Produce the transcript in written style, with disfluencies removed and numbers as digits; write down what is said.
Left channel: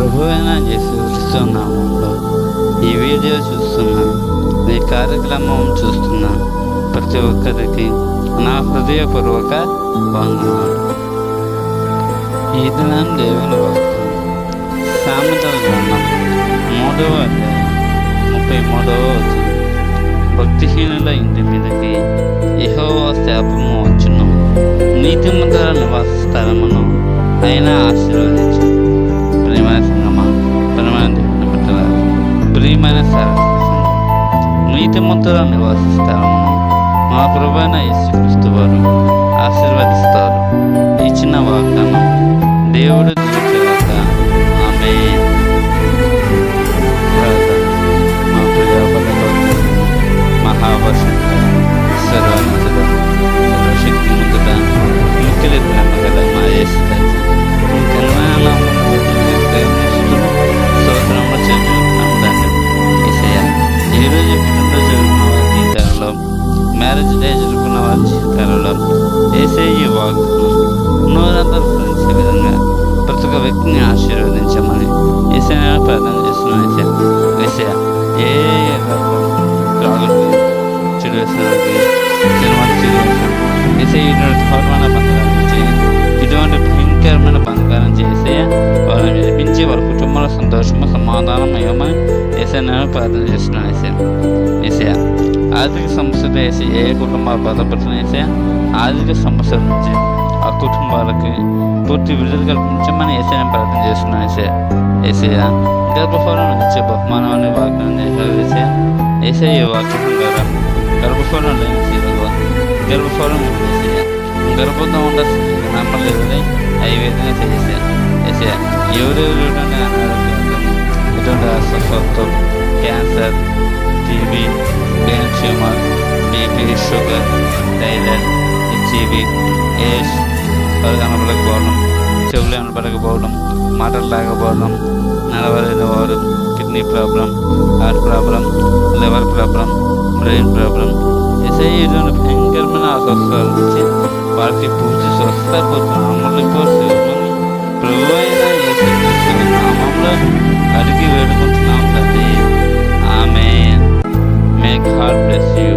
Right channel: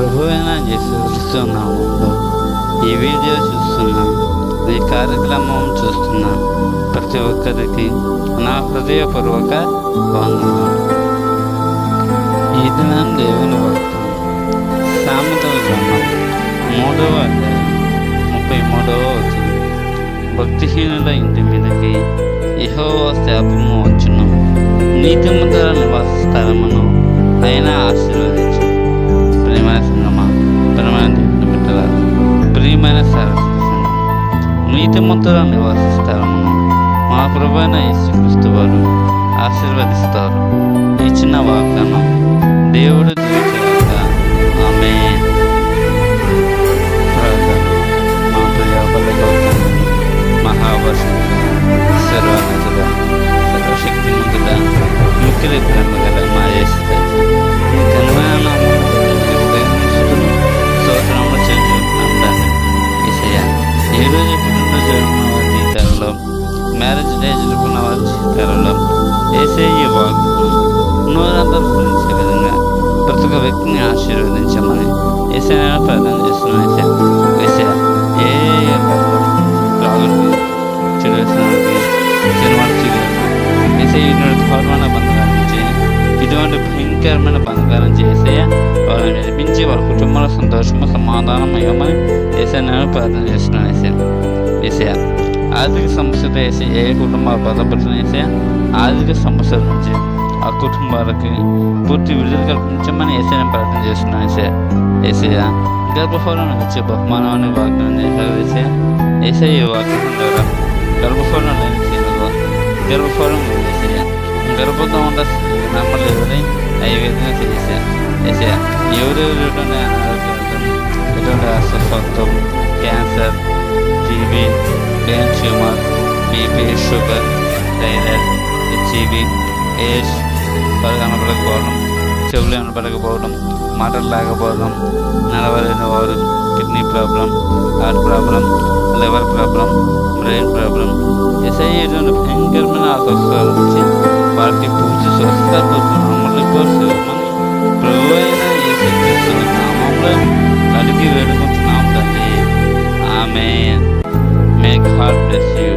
ప్రభు అయిన యేసుక్రీస్తు నామములో ఈ వీడియో చూస్తున్న, ఈ కార్యక్రమం చూస్తున్న ప్రతి ఒక్కరికి నా హృదయపూర్వక వందనాలు. ఈ దినం దేవుని వాక్యం సామెతల గ్రంథం 3వ అధ్యాయం 33వ వచనం. భక్తిహీనుల ఇంటి మీదకి యెహోవా శాపము వచ్చును, నీతిమంతుల నివాస స్థలమును ఆయన ఆశీర్వదించు. ప్రియమైన సంగమా, ప్రియమైన దేవుని బిడ్డలారా, ప్రియమైన సరస్వతి సంఘం, నీతిమంతుల నివాస స్థలమును మా ప్రభువైన యేసుక్రీస్తు వారు ఆశీర్వదిస్తారు. ఈ చిన్న వాగ్దానం దేవుడు దీవించగాక. ఆమేన్. ప్రార్థన. మా ప్రియ బలగౌతం మహావర్షుడ, సర్వోన్నతుడ, సర్వశక్తిమంతుడ, మిక్కిలి ప్రేమగల మా యేసురాజు, నీ ఘనమైన నామమును బట్టి నేను ప్రేమించుటను స్తోత్రములు చెల్లించుకుంటున్నాం. ధన్యం యేసయ్యా. ఈరోజు పుట్టినరోజు జరుపుకున్న వారి జీవితాలలో, మ్యారేజ్ డే జరుపుకున్న వారి జీవితాలలో యేసయ్య వాగ్దానం నూరంతలు ఫలించే విధంగా ప్రతి ఒక్క వ్యక్తిని ఆశీర్వదించమని యేసయ్య ప్రార్థన చేస్తున్నాను. యేసయ్య ఏ త్రాగుడికి, చెడు వేసడానికి, సినిమాలు యేసయ్య ఇటువంటి ఘోరమైన బంధకాల నుంచి, ఇటువంటి భయంకరమైన బంధకాలను యేసయ్య వాళ్ళని విడిపించి వాళ్ళ కుటుంబంలో సంతోషము సమాధానం ఇవ్వమని యేసయ్య నేను ప్రార్థన చేస్తున్నాను. యేసయ్య ఆర్థిక సమస్యతో ఏ కుటుంబాలు బాధపడుతున్న యేసయ్య ఆర్థిక సమస్యల నుంచి ఆ కుటుంబాలకి పూర్తి విడుదల కల్పించమని యేసయ్య ప్రార్థన చేస్తున్నాను. యేసయ్య గర్భఫలం ఇచ్చే బహుమానాన్ని వాగ్దానం చేశారు. యేసయ్య వాక్యం ద్వారా గర్భఫలం లేని స్త్రీలకు గర్భఫలం యేసయ్య, గర్భంతో ఉన్న స్త్రీలకు నమ్మలేదని ఐవేదన యేసయ్య. ఎవరెవరు ఎటువంటి అనారోగ్యాలతో, ఎటువంటి అస్వస్థతతో, cancer, TB, brain tumour, BP, sugar, thyroid, HIV, AIDS, వారు కనపడకపోవడం, చెవులు కనపడకపోవడం, మాటలు లేకపోవడం, నడవలేని వారు, kidney problem, heart problem, liver problem, brain problem, ఇటువంటి భయంకరమైన అస్వస్థతల నుంచి వారికి పూర్తి స్వస్థపడుతున్నామని ప్రభు అయిన యేసుక్రీస్తు నామములో అడిగి వేడుకుంటున్నాం తండ్రి. ఆమేన్. May God bless you.